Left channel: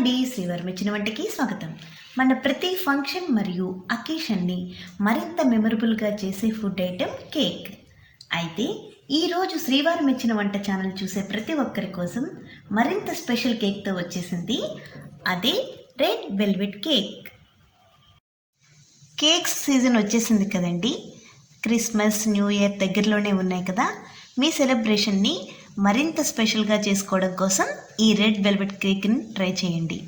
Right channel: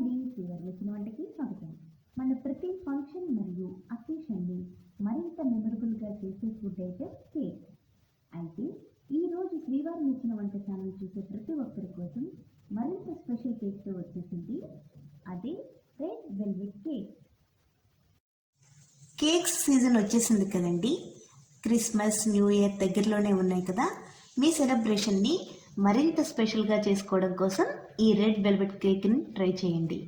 అండి, శ్రీవారి మెచ్చిన వంటకి స్వాగతం. మన ప్రతి ఫంక్షన్ మరియు అకేషన్ని మరింత మెమరబుల్గా చేసే ఫుడ్ ఐటెం కేక్. అయితే ఈరోజు శ్రీవారి మెచ్చిన వంట ఛానల్ చూసే ప్రతి ఒక్కరి కోసం మరింత స్పెషల్ కేక్తో వచ్చేసింది. అదే red velvet cake. Cakes season వచ్చేసింది కదండి. క్రిస్మస్, న్యూ ఇయర్ దగ్గరలోనే ఉన్నాయి కదా. మీ సెలబ్రేషన్ని మరింత స్పెషల్గా చేసుకోవడం కోసం ఈ రెడ్ వెల్వెట్ కేక్ని ట్రై చేయండి.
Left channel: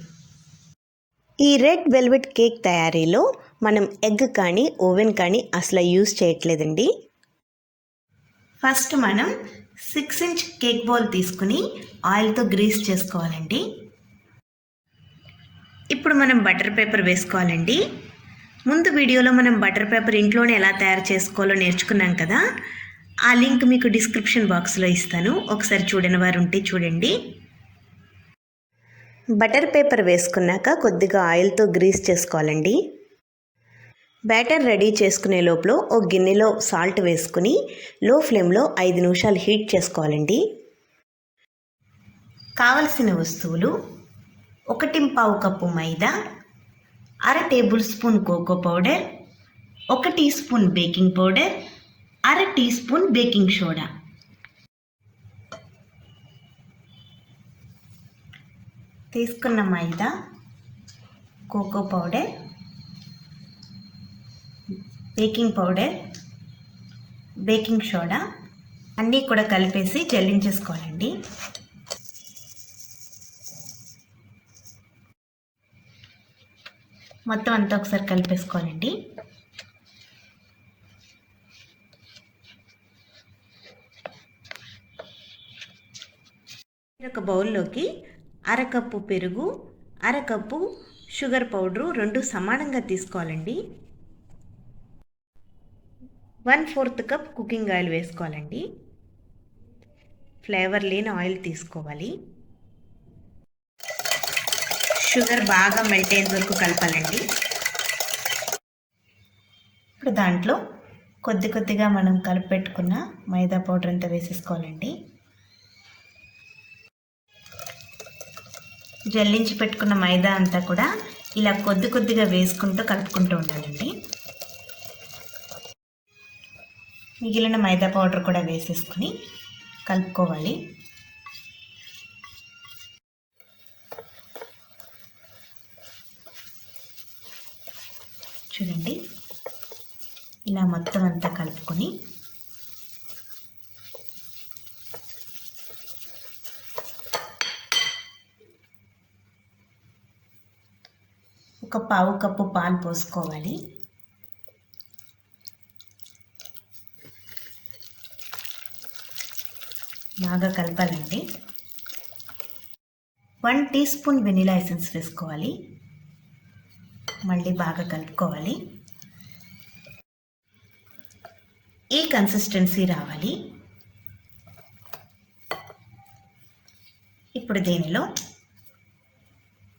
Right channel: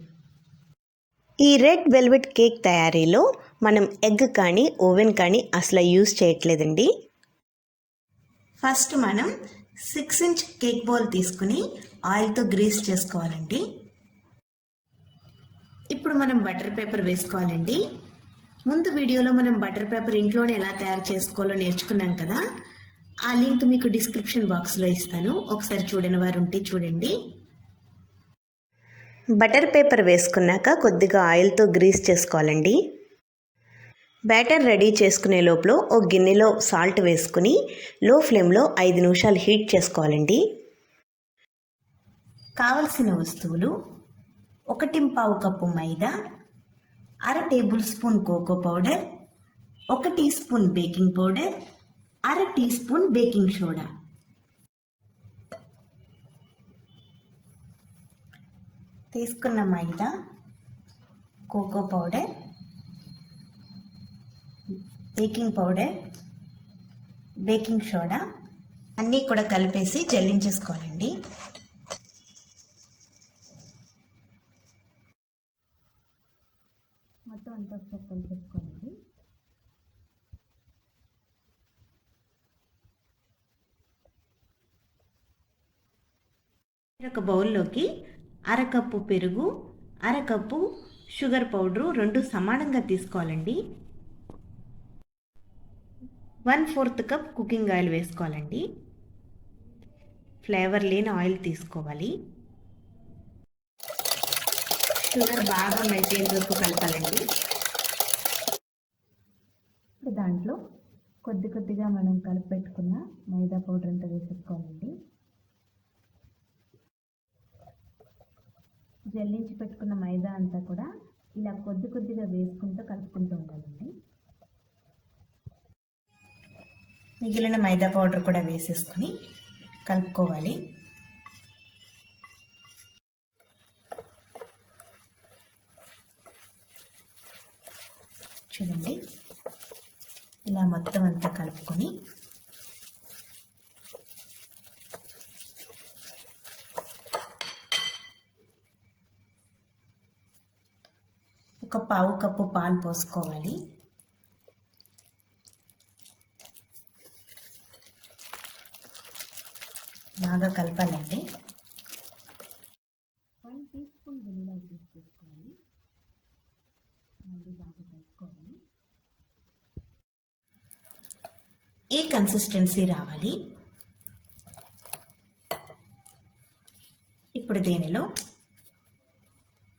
ఈ రెడ్ వెల్వెట్ కేక్ తయారీలో మనం ఎగ్ కానీ ఓవెన్ కానీ అసలు యూజ్ చేయట్లేదండి. ఫస్ట్ మనం 6 ఇంచ్ కేక్ బౌల్ తీసుకుని ఆయిల్తో గ్రీస్ చేసుకోవాలండి. ఇప్పుడు మనం బటర్ పేపర్ వేసుకోవాలండి. ముందు వీడియోలో మనం బటర్ పేపర్ ఇంట్లోనే ఎలా తయారు చేసుకోవాలో నేర్చుకున్నాం కదా. ఆ లింక్ మీకు డిస్క్రిప్షన్ బాక్స్లో ఇస్తాను, ఒకసారి చూడని వారు ఉంటే చూడండి. బటర్ పేపర్ వేసుకున్నాక కొద్దిగా ఆయిల్తో గ్రీస్ చేసుకోవాలండి. బ్యాటర్ రెడీ చేసుకునే లోపల ఒక గిన్నెలో సాల్ట్ వేసుకుని లో ఫ్లేమ్లో 5 నిమిషాలు హీట్ చేసుకోవాలండి. కావలసిన వస్తువులు: 1/4 కప్పు మైదా, 1/2 tablespoon cocoa powder, 1 teaspoon baking powder, 1/2 teaspoon baking soda. తీసుకున్న మైదా, cocoa powder, baking powder, baking soda అన్నీ కూడా కలిపేసి జల్లించేసుకోవాలండి. మొత్తం అంతా ఒకసారి కలిపేసుకోవాలండి. ఒక బౌల్లోకి 1/2 కప్పు పెరుగు, 1/2 కప్పు షుగర్ పౌడరు 2 సమానంగా తీసుకోవాలండి. 1/4 కప్ కుకింగ్ ఆయిల్ వేసుకోవాలండి. ఫ్లేవర్ లేని ఆయిల్ తీసుకోవాలి. షుగర్ బాగా మెల్ట్ అయ్యే వరకు కలపాలండి. ఇప్పుడు దాంట్లో కొద్దిగా మనం కలిపి పెట్టుకున్న మైదా పౌడర్ అంతా వేసేసుకోవాలండి. జల్లించి పెట్టుకున్న మైదా అంతా కూడా ఇలా కొద్దిగా వేసుకుంటూ కలుపుకుంటూ ఉండాలండి. మిగిలిన మైదా పౌడర్ కూడా వేసేసుకుని కలుపుకోవాలి. చూడండి, ఇలా మొత్తం అంతా కలుపుకొని ఒక 1/4 కప్పు పాలు పోసుకోవాలి. బాగా కలపాలండి. 1 టీ స్పూన్ వెనిలా ఎసెన్స్ వేసుకోవాలి. మళ్ళీ బాగా కలుపుకోవాలి. ఈ కన్సిస్టెన్సీ రావాలి. ఇప్పుడు దీనిలో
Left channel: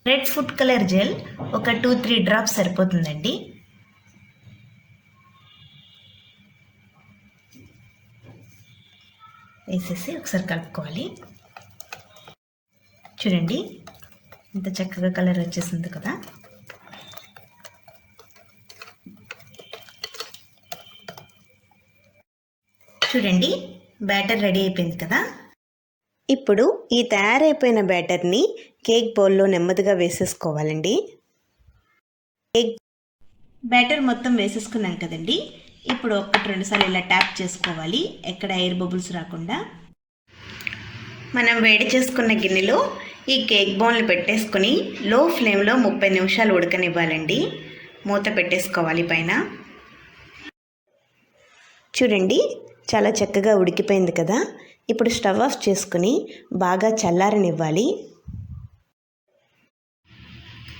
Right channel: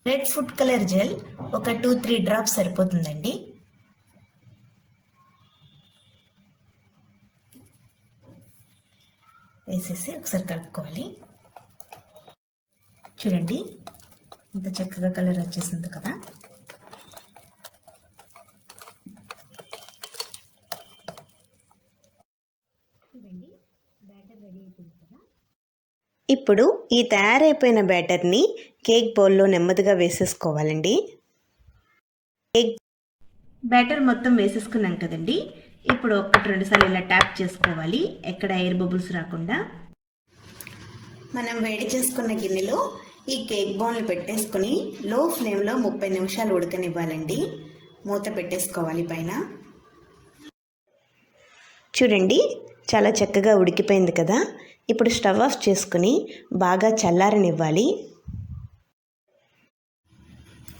రెడ్ ఫుడ్ కలర్ జెల్ ఒక 2-3 డ్రాప్స్ సరిపోతుందండి. వేసేసి ఒకసారి కలుపుకోవాలి. చూడండి, ఇంత చక్కగా కలర్ వచ్చేసింది కదా. చూడండి, బ్యాటర్ రెడీ అయిపోయింది కదా. ఇప్పుడు ఈ తయారైపోయిన బ్యాటర్ని కేక్ బౌల్లో నెమ్మదిగా వేసేసుకోవాలండి. కేక్ బ్యాటర్ మొత్తం వేసేసుకున్నాం కదండి. ఇప్పుడు 1-2 సార్లు ఇలా ట్యాప్ చేసుకోవాలి, ఎక్కడ ఎయిర్ బబుల్స్ రాకుండా. మనం వేడి చేసుకున్న గిన్నెలో ఈ కేక్ బౌల్ని పెట్టేసుకుని లో ఫ్లేమ్లో 30 నిమిషాలు ఉడకనివ్వాలండి. మూత పెట్టేసుకోవాలి పైన. చూడండి, చాలా చక్కగా ఉడికిపోయింది కదా. ఇప్పుడు స్టవ్ ఆఫ్ చేసుకుని బాగా చల్లారనివ్వాలి.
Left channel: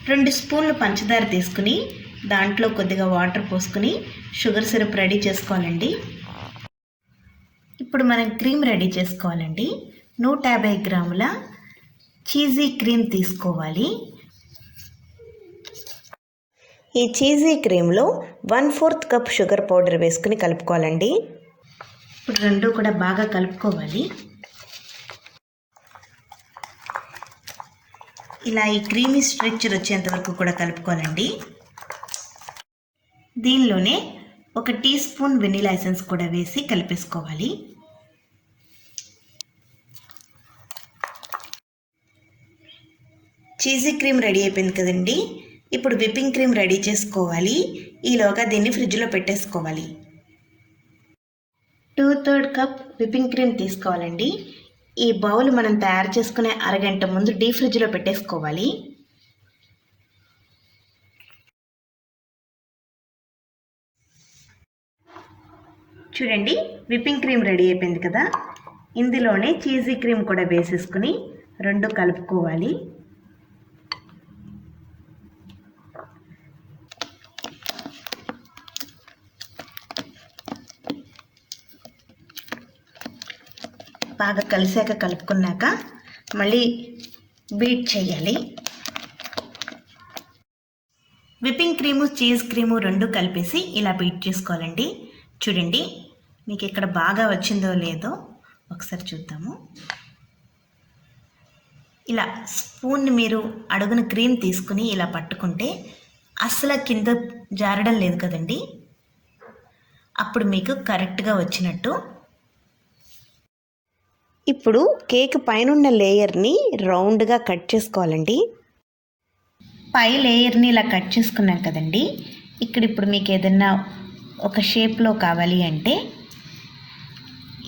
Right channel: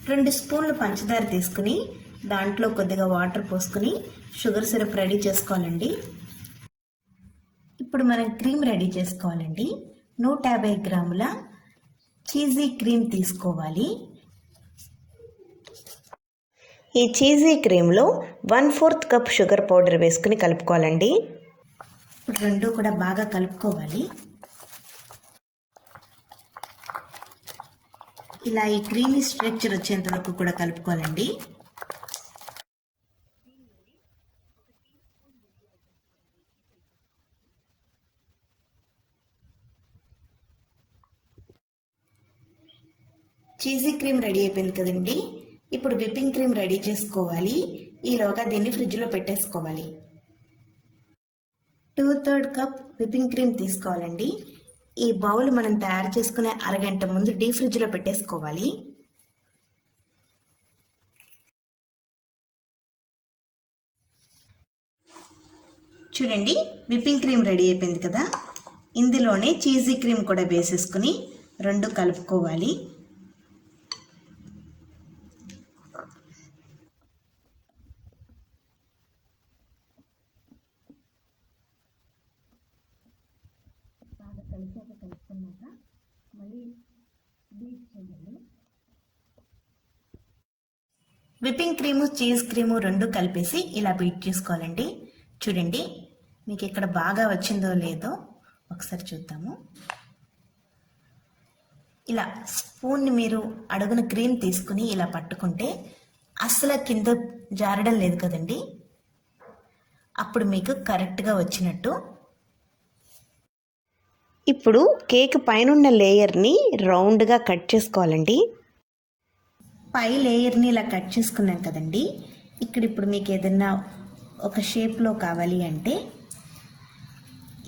2 స్పూన్లు పంచదార తీసుకుని దాంట్లో కొద్దిగా వాటర్ పోసుకుని షుగర్ సిరప్ రెడీ చేసుకోవాలండి. ఇప్పుడు మనం క్రీమ్ రెడీ చేసుకోవాలండి. 150 గ్రాముల చీజీ క్రీమ్ తీసుకోవాలి. ఈ చీజీ క్రీమ్లో 1/4 కప్ షుగర్ పౌడర్ వేసుకుని కలుపుకోవాలండి. ఇప్పుడు రెండు కూడా బాగా కలుపుకోవాలి. ఇలా ఈ క్రీమీ స్ట్రక్చర్ వచ్చేంత వరకు కూడా కలుపుకోవాలండి. దీనిలోనే 1 టీ స్పూన్ వెనిలా ఎసెన్స్ కూడా వేసి కలిపేసుకోవాలి. చీజీ క్రీమ్ రెడీ అయిపోయింది కదండి. ఇప్పుడు విప్పింగ్ క్రీమ్ రెడీ చేసుకోవాలి. ఈలోగా దీన్ని ఫ్రిడ్జ్లో పెట్టేసుకోవాలి. 2/3 కప్ విప్పింగ్ క్రీమ్ తీసుకోవాలండి. ఈ బౌల్ మనం తయారు చేసుకునే అరగంట ముందు డీప్ ఫ్రిడ్జ్లో పెట్టేసుకోవాలి. చూడండి, విప్పింగ్ క్రీమ్ రెడీ అయిపోయింది కదా. ఇందులోనే చీజీ క్రీమ్ కూడా వేసేసుకుని 2 కలుపుకోవాలి. బాగా కలిసాక కలుపుకున్నాక మళ్ళీ బీట్ చేయాలి. విప్పింగ్ క్రీము చీజ్ క్రీము 2 కలిపేసి ఇలా బీట్ చేసుకోవాలండి. చూడండి, మీకు ఇక్కడ బాగా వచ్చిందో లేదో ఒకసారి చూద్దాము. ఇలా స్పూన్ని మీరు అడుగున క్రీమ్ తీసుకుని ఇలా పట్టుకుంటే అసలు కింద జారడం లేదు కదండి. అప్పుడు మీకు కరెక్ట్గా వచ్చినట్టు. ఇప్పుడు కేక్ పైనున్న లేయర్ని రౌండ్గా కట్ చేసుకోవాలండి. పై లేయర్ని ఇలా కట్ చేసుకున్నాం కదండి. ఇప్పుడు మీకు ఏదన్నా ఒక షేప్లో కావాలి అంటే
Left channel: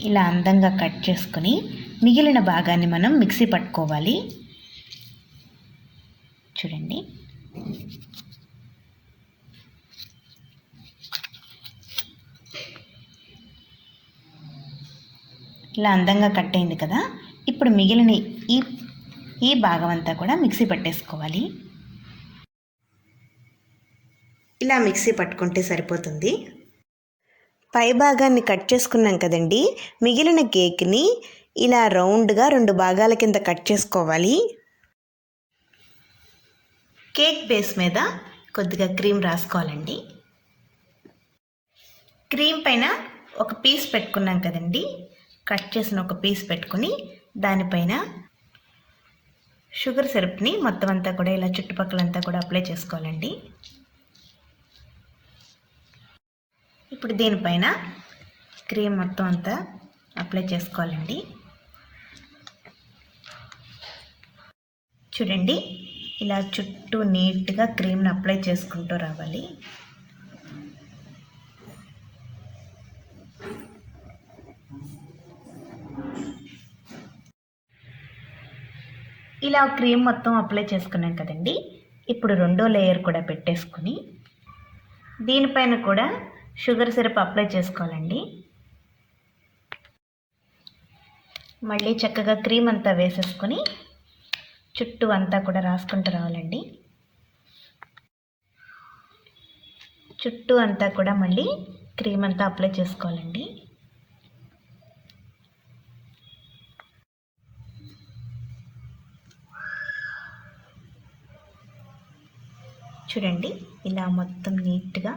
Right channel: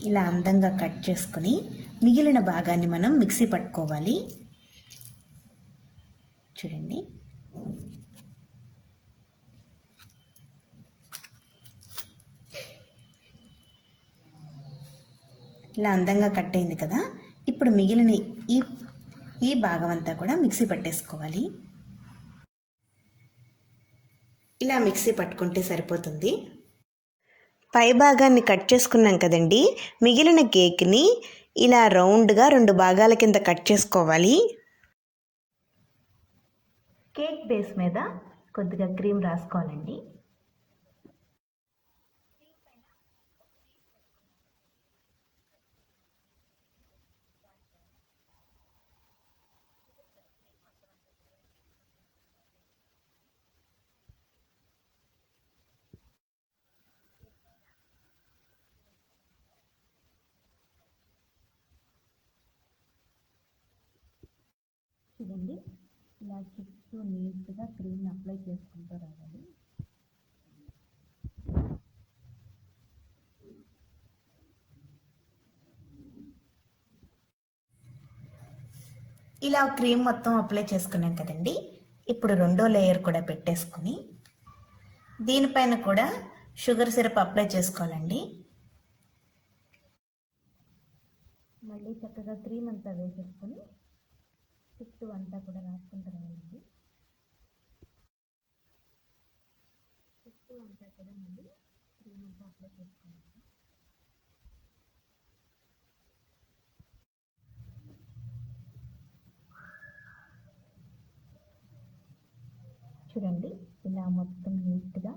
ఇలా అందంగా కట్ చేసుకుని మిగిలిన భాగాన్ని మనం మిక్సీ పట్టుకోవాలి. చూడండి, ఇలా అందంగా కట్ అయింది కదా. ఇప్పుడు మిగిలిన ఈ భాగం అంతా కూడా మిక్సీ పట్టేసుకోవాలి. ఇలా మిక్సీ పట్టుకుంటే సరిపోతుంది. పై భాగాన్ని కట్ చేసుకున్నాం కదండి. మిగిలిన కేక్ని ఇలా రౌండ్గా 2 భాగాల కింద కట్ చేసుకోవాలి. కేక్ బేస్ మీద కొద్దిగా క్రీమ్ రాసుకోవాలండి. క్రీమ్ పైన ఒక పీస్ పెట్టుకున్నాం కదండి. కట్ చేసిన ఒక పీస్ పెట్టుకుని దానిపైన షుగర్ సిరప్ని మొత్తం అంతా కూడా ఇలా చుట్టుపక్కలంతా కూడా అప్లై చేసుకోవాలండి. ఇప్పుడు దీనిపైన క్రీమ్ మొత్తం అంతా అప్లై చేసుకోవాలండి. చూడండి, ఇలా చుట్టూ నీట్గా క్రీమ్ని అప్లై చేసుకుంటూ రావాలి. ఇలా క్రీమ్ మొత్తం అప్లై చేసుకున్నాం కదండి. ఇప్పుడు 2వ లేయర్ కూడా పెట్టేసుకుని దీనిపైన కూడా షుగర్ సిరప్ అప్లై చేసుకోవాలండి. మళ్ళీ చక్కగా క్రీమ్ అంతా వేసేసుకొని చుట్టూ అంతా కూడా రాసుకుంటూ రావాలండి. చుట్టూ అంతా కూడా మళ్ళీ క్రీమ్ అంతా అప్లై చేసుకోవాలండి. చూడండి, ఇలా మొత్తం నీట్గా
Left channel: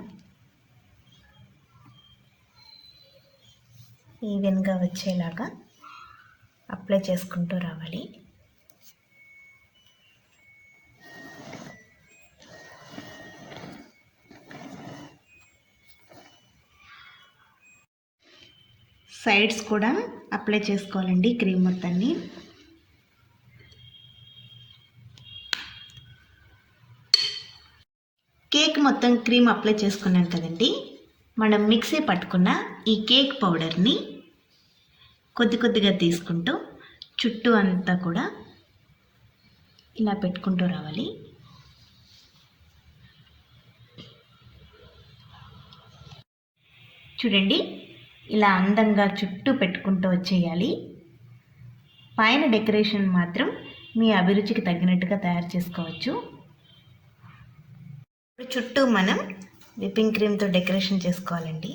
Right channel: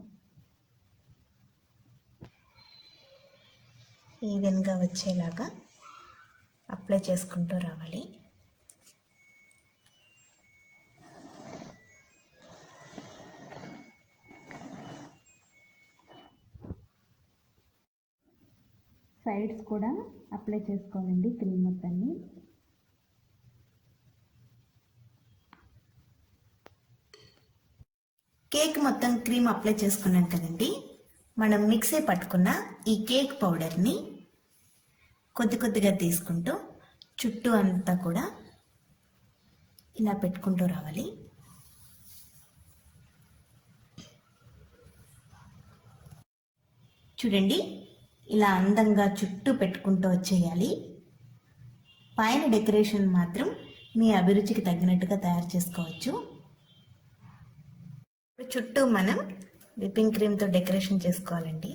ఈవెన్గా వచ్చేలాగా అప్లై చేసుకుంటూ రావాలి. సైడ్స్ కూడా అప్లై చేసుకోవాలండి క్రీమ్ మొత్తాన్ని. కేక్ మొత్తం క్రీమ్ అప్లై చేసుకున్నాం కదండి. మనం మిక్సీ పట్టుకున్న ఈ కేక్ పౌడర్ని కొద్దిగా తీసుకుంటూ చుట్టూ అంతా కూడా ఇలా పెట్టుకుంటూ రావాలి. చూడండి, ఇలా అందంగా చుట్టూ పెట్టుకుంటూ వచ్చేయాలి. పైన డెకరేషన్ మాత్రం మీ అభిరుచికి తగినట్టుగా తయారు చేసుకోవచ్చు. చుట్టూ మనం విప్పింగ్ క్రీమ్తో డెకరేషన్ చేసుకోవాలండి.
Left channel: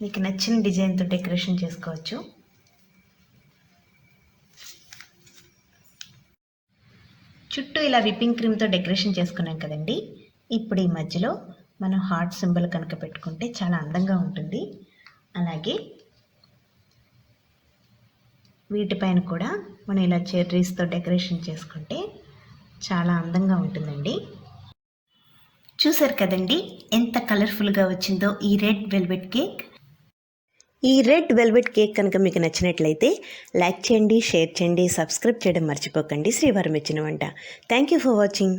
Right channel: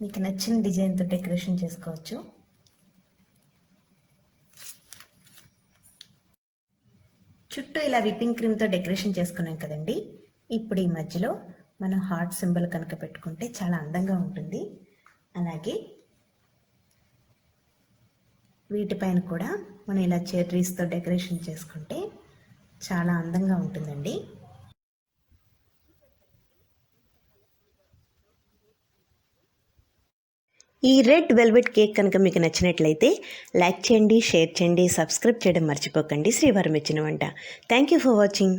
మీకు నచ్చిన డిజైన్తో డెకరేషన్ చేసుకోవచ్చు. చుట్టూ ఇలా విప్పింగ్ క్రీమ్తో డెకరేషన్ చేసుకున్నాం కదండి. ఇప్పుడు ఈ మధ్యలో మనం హార్ట్ సింబల్ కనుక పెట్టుకుంటే చాలా అందంగా ఉంటుంది. అలాగే వీటిపైన కూడా మనం ఇలా చెర్రీస్తో డెకరేషన్ చేసుకుంటే చాలా అందంగా ఉంటుందండి. చూసారు కదండి ఎంత కలర్ఫుల్గా వచ్చిందో ఈ రెడ్ వెల్వెట్ కేక్. ఈ రెడ్ వెల్వెట్ కేక్ కనుక మీకు నచ్చినట్లయితే లైక్ చేయండి, షేర్ చేయండి, సబ్స్క్రైబ్ చేయడం మర్చిపోకండి. శ్రీవారు మెచ్చిన వంట. Thank you for watching.